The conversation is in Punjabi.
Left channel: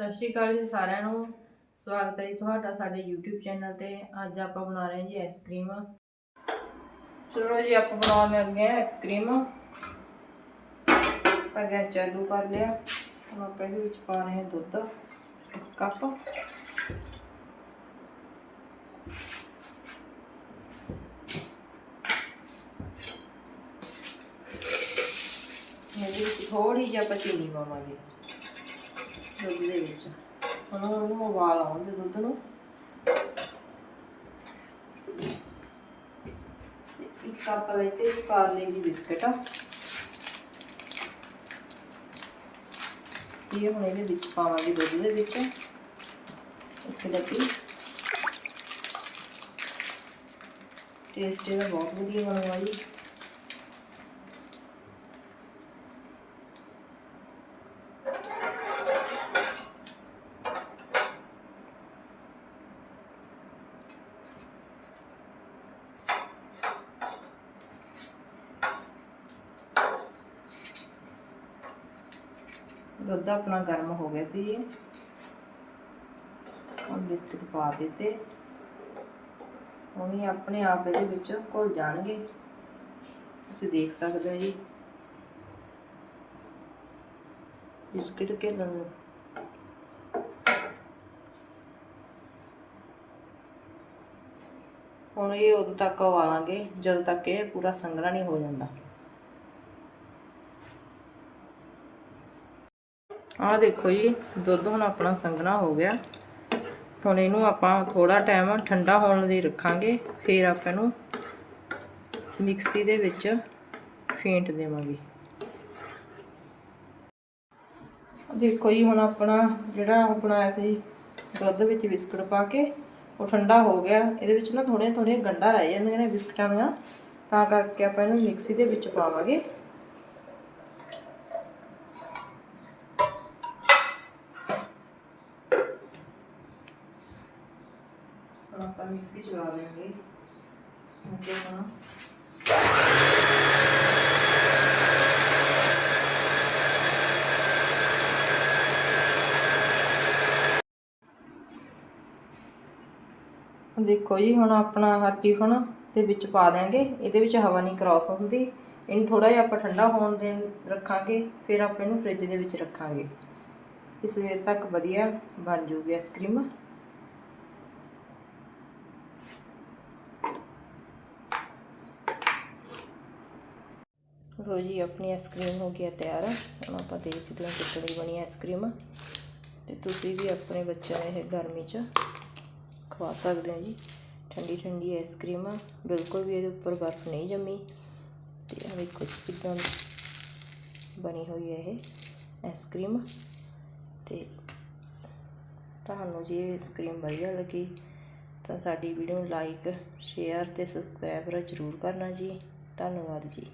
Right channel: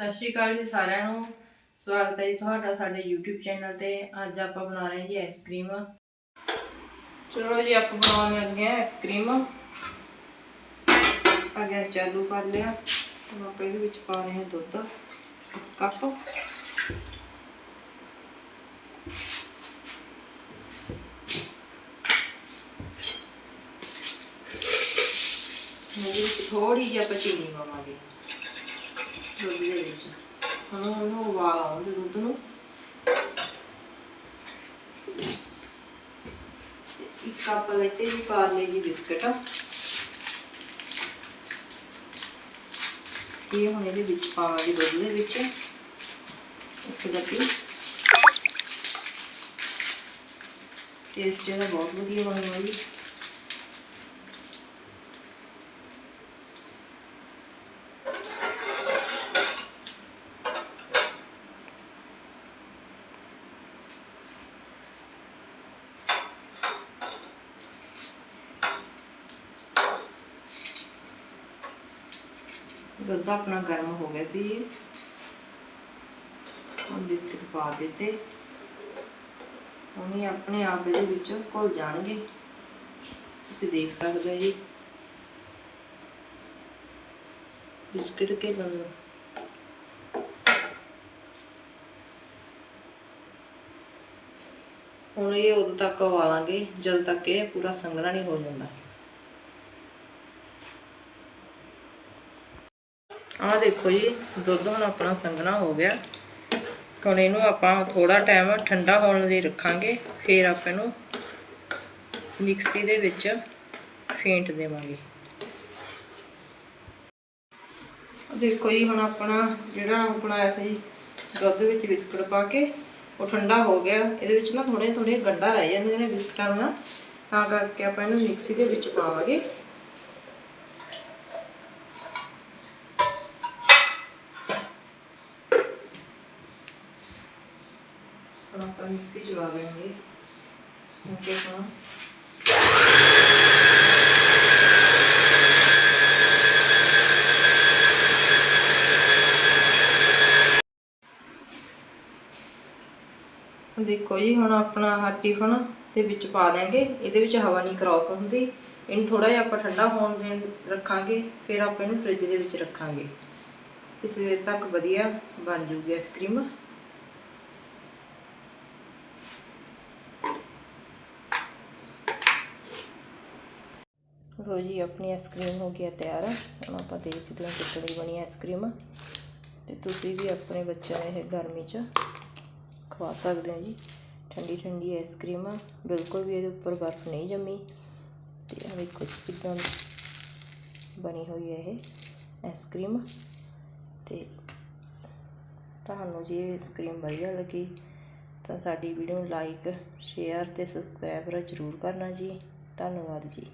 ਸਤਿ ਸ਼੍ਰੀ ਅਕਾਲ ਜੀ ਸਾਰਿਆਂ ਨੂੰ। ਸਵਾਗਤ ਹੈ ਜੀ ਤੁਹਾਡਾ ਸਾਡੇ YouTube ਚੈਨਲ ਤੇ। ਅੱਜ ਆਪਾਂ ਬਣਾ ਰਹੇ ਹਾਂ ਜੀ ਆਈਸਕ੍ਰੀਮ ਚਲੋ ਜੀ, ਆਪਾਂ ਬਣਾਉਣ ਲੱਗੇ ਹਾਂ ਆਈਸਕ੍ਰੀਮ ਆਪਾਂ ਗੈਸ ਚਾਲੂ ਕਰ ਲਿਆ। ਹੁਣ ਆਪਾਂ ਇਹਦੇ ਵਿੱਚ ਪਾ ਰਹੇ ਹਾਂ ਦੁੱਧ ਕੱਪ ਇਹਦੇ ਥੋੜੀ ਜਿਹੀ ਆਪਾਂ ਚੀਨੀ ਪਾਵਾਂਗੇ। ਦੁੱਧ ਦੇ ਵਿੱਚ ਹੁਣ ਉਹਨੂੰ ਉਬਾਲ ਆਉਂਦੇ ਦੁੱਧ ਨੂੰ ਇੱਕ ਕੱਪ ਲੈਤੇ ਜੀ ਪਾਰਲੇ ਜੀ ਬਿਸਕਟ। ਇਹ ਹੁਣ ਇਹਦੇ ਵਿੱਚ ਪਾਵਾਂਗੇ ਦੁੱਧ ਦੇ ਵਿੱਚ। ਇੱਕ ਡੱਬੀ ਟੇਸਟ ਇਹਦਾ ਬਹੁਤ ਵਧੀਆ ਬਣਦਾ ਜੀ। ਦੁੱਧ ਆਪਣਾ ਗਰਮ ਹੋ ਗਿਆ ਸੀ ਹੁਣ ਬਿਸਕੁਟ ਪਾ ਦਿੱਤੇ। ਹੁਣ ਇਹ ਆਪਣੇ ਆਪ ਇਹਦੇ ਵਿੱਚ ਘੁਲ ਜਾਣਗੇ। ਤੁਸੀਂ ਦੇਖ ਸਕਦੇ ਹੋ ਜੀ ਬਿਸਕੁਟ ਕੇ ਲੰਨ ਹੁਣ ਇਹ ਉਦੋਂ ਤੱਕ ਉਬਾਲਾਂਗੇ, ਜਦੋਂ ਤੱਕ ਇਹ ਪੂਰਾ ਸੰਘਣਾ ਨਹੀਂ ਹੋ ਜਾਂਦਾ। ਆਹ ਦੇਖੋ ਜੀ, ਦੁੱਧ ਹੁਣ ਆਪਣਾ ਸੰਘਣਾ ਹੋ ਗਿਆ। ਹੁਣ ਇਹਨੂੰ ਆਪਾਂ ਥੋੜਾ ਟਾਈਮ ਠੰਡਾ ਹੋਣ ਲਈ ਰੱਖਾਂਗੇ, ਫਿਰ ਆਪਾਂ ਇਹਨੂੰ ਮਿਕਸੀ ਦੇ ਵਿੱਚ ਫੇਂਟ ਦੇਵਾਂਗੇ। ਦੇਖੋ ਜੀ, ਹੁਣ ਆਪਣਾ ਜਿਹੜਾ ਬਣਾਇਆ ਸੀ, ਦੁੱਧ ਵਿੱਚ ਬਿਸਕੁਟ ਪਾ ਕੇ, ਉਹ ਠੰਡਾ ਹੋ ਗਿਆ। ਇਹਦੇ ਵਿੱਚ ਨਾ ਥੋੜੇ ਥੋੜੇ ਗੰਢਾ ਰਹਿ ਜਾਂਦੇ ਨੇ ਬਿਸਕਟਾਂ ਨਾਲ, ਤਾਂ ਕਰਕੇ ਆਪਾਂ ਇਹਨੂੰ ਮਿਕਸੀ ਦੇ ਵਿੱਚ ਪਾਵਾਂਗੇ। ਹੁਣ ਆਪਾਂ ਮਿਕਸੀ ਚਲਾ ਦੇਵਾਂਗੇ ਓਕੇ ਹਾਂ ਦੇਖੋ ਜੀ, ਹੁਣ ਆਪਣਾ ਆਹ ਟਿਫਨ ਦੇ ਵਿੱਚ ਪਾ ਦਾਂਗੇ ਇਹਦੇ ਵਿੱਚ ਹਵਾ ਨਹੀਂ ਕ੍ਰਾਸ ਹੁੰਦੀ। ਇਹਨੂੰ ਥੋੜਾ ਜਿਹਾ ਆਪਾਂ ਠੰਡਾ ਹੋਣ ਦੇ ਰੱਖਾਂਗੇ, ਫਿਰ ਆਪਾਂ ਇਹਨੂੰ ਫ੍ਰਿਜ ਦੇ ਵਿੱਚ ਰੱਖਾਂਗੇ। ਇਸ ਵੇਲੇ ਤੱਕ ਵਧੀਆ ਬਣ ਜੂਗੀ ਆਈਸਕ੍ਰੀਮ ਲੋ ਜੀ, ਆਪਣੀ ਆਈਸਕ੍ਰੀਮ ਹੋ ਗਿਆ ਤਿਆਰ। ਹੁਣ ਆਪਾਂ ਦੇਖਦੇ ਹਾਂ ਕਿੱਦਾਂ ਬਣੀ ਆਈਸਕ੍ਰੀਮ ਤੇ ਤੁਸੀਂ ਵੀ ਆਪਣੇ ਬੱਚਿਆਂ ਨੂੰ ਇਹ ਗਰਮੀ 'ਚ ਖਵਾ ਸਕਦੇ ਹੋ ਜੀ। ਠੰਡੀ ਠੰਡੀ ਆਈਸਕ੍ਰੀਮ ਬਿਲਕੁਲ ਵੀ ਇਹਦੇ ਉੱਪਰ ਬਰਫ਼ ਨਹੀਂ ਜੰਮੀ। ਤੇ ਆ ਵੇਖੋ ਜੀ, ਕਿੱਦਾਂ ਬਣੀ ਹੋਈ ਹੈ ਇਹ ਆਈਸਕ੍ਰੀਮ ਤੇ ਤੁਹਾਨੂੰ ਜੇ ਇਹ ਆਈਸਕ੍ਰੀਮ ਵਧੀਆ ਲੱਗੀ, ਤਾਂ ਸਾਡੀ ਵੀਡੀਓ ਨੂੰ ਲਾਈਕ ਸ਼ੇਅਰ ਤੇ ਸਬਸਕ੍ਰਾਈਬ ਜ਼ਰੂਰ ਕਰਨਾ ਜੀ। ਧੰਨਵਾਦ ਜੀ।